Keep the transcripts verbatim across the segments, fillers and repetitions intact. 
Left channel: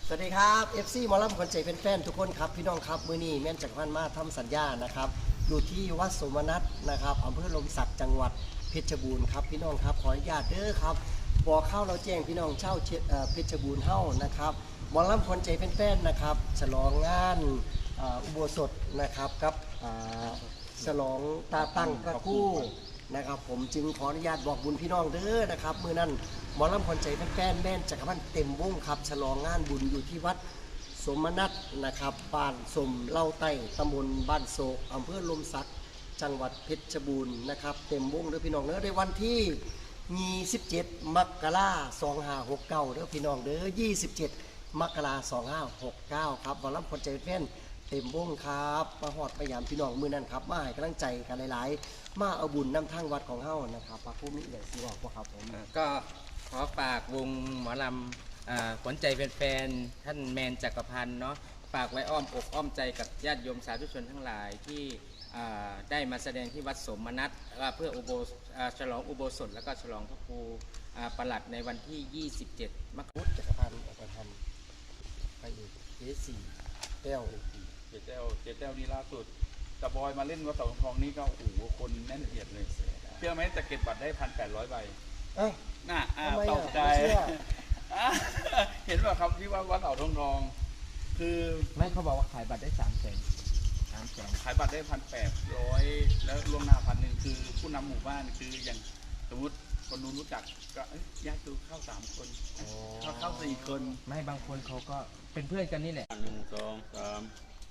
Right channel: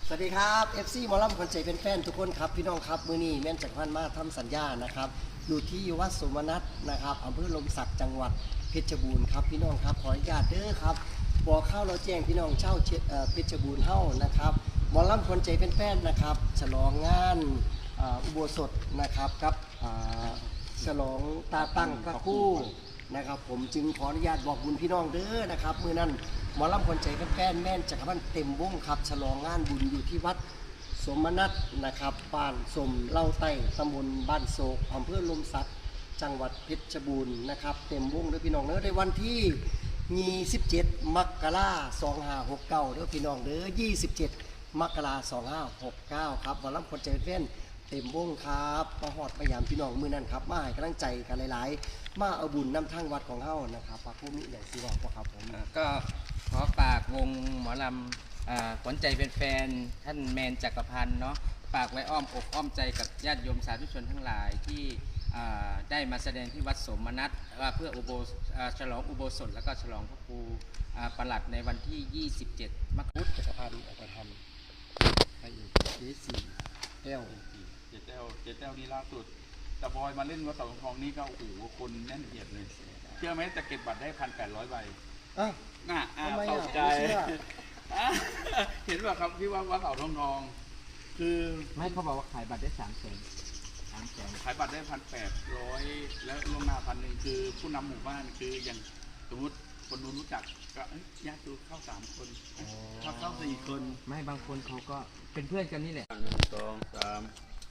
สวัสดีครับ เอฟ ซี หมอลำคนใจเป็นแฟนทุกคนครับพี่น้องครับมือนี้แม่นจักรพันธ์มาทำสัญญานะครับอยู่ที่วัดสมนัตนะครับอำเภอลมศักดิ์จังหวัดเพชรบูรณ์ครับพี่น้องครับขออนุญาตเด้อครับบอกเข้าเราแจ้งพี่น้องเช่าเพชรบูรณ์เฮ้านะครับหมอลำคนใจเป็นแฟนนะครับฉลองงานอุโบสถนะครับกับฉลองตาตั้งพระคู่นะครับผมจึงขออนุญาตบอกบุญพี่น้องเด้อนะครับมือนั้นหมอลำคนใจแฟนแม่นจักรพันธ์เต็มวงครับฉลองงานบุญอยู่ที่วัดสมนัตนะครับบ้านสมเล่าไต้ตำบลบ้านโศกอำเภอลมศักดิ์จังหวัดเพชรบูรณ์นะครับเต็มวงเด้อพี่น้องเด้อในวันที่ยี่สิบเจ็ดมกราคมสองพันห้าร้อยหกสิบเก้าเด้อพี่น้องเด้อยี่สิบเจ็ดมกราคมสองพันห้าร้อยหกสิบเก้าครับหมอลำคนใจแฟนเต็มวงครับมาหอดมายามพี่น้องมือนั้นครับมาให้กำลังใจกันหลายๆมาเอาบุญนำทางวัดของเฮานะครับพระผู้มีอย่างที่บอกว่าครับผมก็ขอฝากวงหมอลำขวัญใจเป็นแฟนท่านแมนจักรพันธ์เนาะฝากไว้อ้อมอกอ้อมใจกับญาติโยมสาธุชนทั้งหลายที่ได้มาแสดงที่วัดสมนัตว่าเพื่ออุโบฉลองอุโบสถแล้วก็ฉลองพระครูประหลัดในวันที่ยี่สิบเจ็ดมกราคมจักรพันธ์ออกไปทำไปอีกเดสี่แก้วเจ็ดแต้วเจ็ดแต้วนี่ล่าสุดแต่บอยมาเล่นวัดเสาทองนี้ก็โอ้โหคนแน่นเอียดเลยเชื่อไหมจะเก็บบัตรได้พันแปดร้อยใบอ้าวน่าทำไมตอ่ะกใจเห็นว่าครับที่ว่าวัดเสาทองทองคือไม่เขาบอกว่าขายบัตรได้สามแสนสามแสนขายบัตรได้พันแปดร้อยแล้วล่วงหน้าพันหนึ่งคือผู้นำหมู่บ้านคืออย่างสมมติคนนู้นรู้จักก็ญาติเข้าสามคนเข้าเข้าสี่คนไม่บางคนเขาก็เป็นเพื่อนกันนี่แหละหนึ่งสองสาม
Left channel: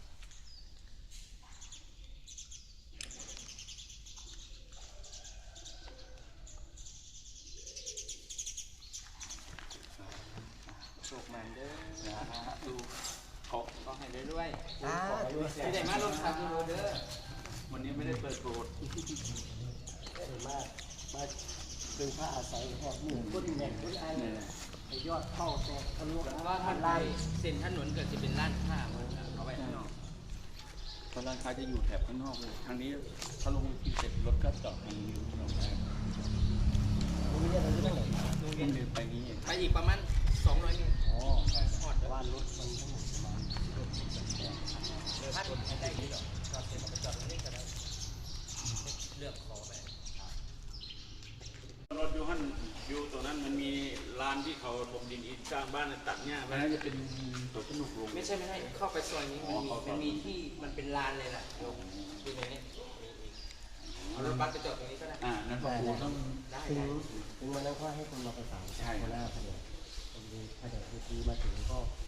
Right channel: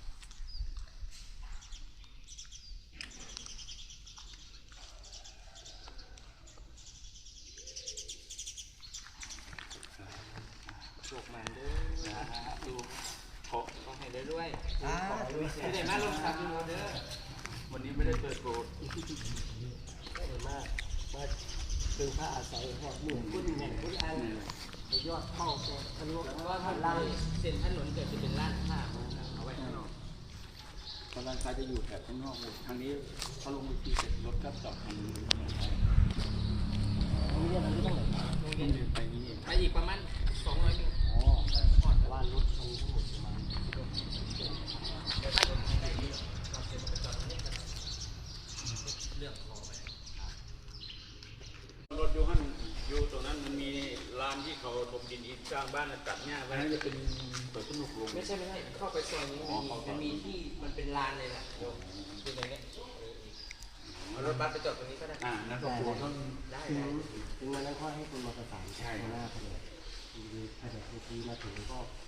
โชคมันเด้อนะดูขอก็ให้ได้ด้วยอ่าไม่ได้มาลงคำดูเด้อวันนี้ไม่ได้เปิดโกรธได้มากมาเป็นพระอาศัยหอดหมู่คนแม่นคนอันยอดเข้าแต่ทะลุเพราะว่าท่านไล่เส้นถนนเกิดจะเป็นร้านค้าเอาไว้ข้างนอกกำลังคาจะอยู่แถบข้างนอกเลยทางนี้ถ้าลงวิธีเสร็จรถก็จอดทางนี้ถนนไปตรงนี้อะไรก็ต้องไหนต้องอยู่ไปนี้ไปอีกประมาณสองร้อยเมตรอ๋อแต่ว่ารถมันทั้งหมดประมาณสิบเอ็ดเดี๋ยวถ้ารถได้ดีหรอกก็เดี๋ยวเราไปจอดตรงนี้กันแล้วเลือกขอไปรถยูฮันยูตรงนั้นมันมีลานที่เขาถมดินอีกสร้างบ้านตัดเนี่ยวันนั้นจะเป็นตัวสนุกลงไม่ใช่ไม่ใช่เข้าไปซอยนี้มันมีที่มันเป็นลานเลยแหละโยมเป็นอย่างนี้เอารถบัสไปจอดตรงนี้ก็ได้อ่านั่นก็คือต้องได้ถึงถึงวันนั้นก็ให้คนมาประสานใช่หน้าพอดีพอดีพอดีมาถึงก็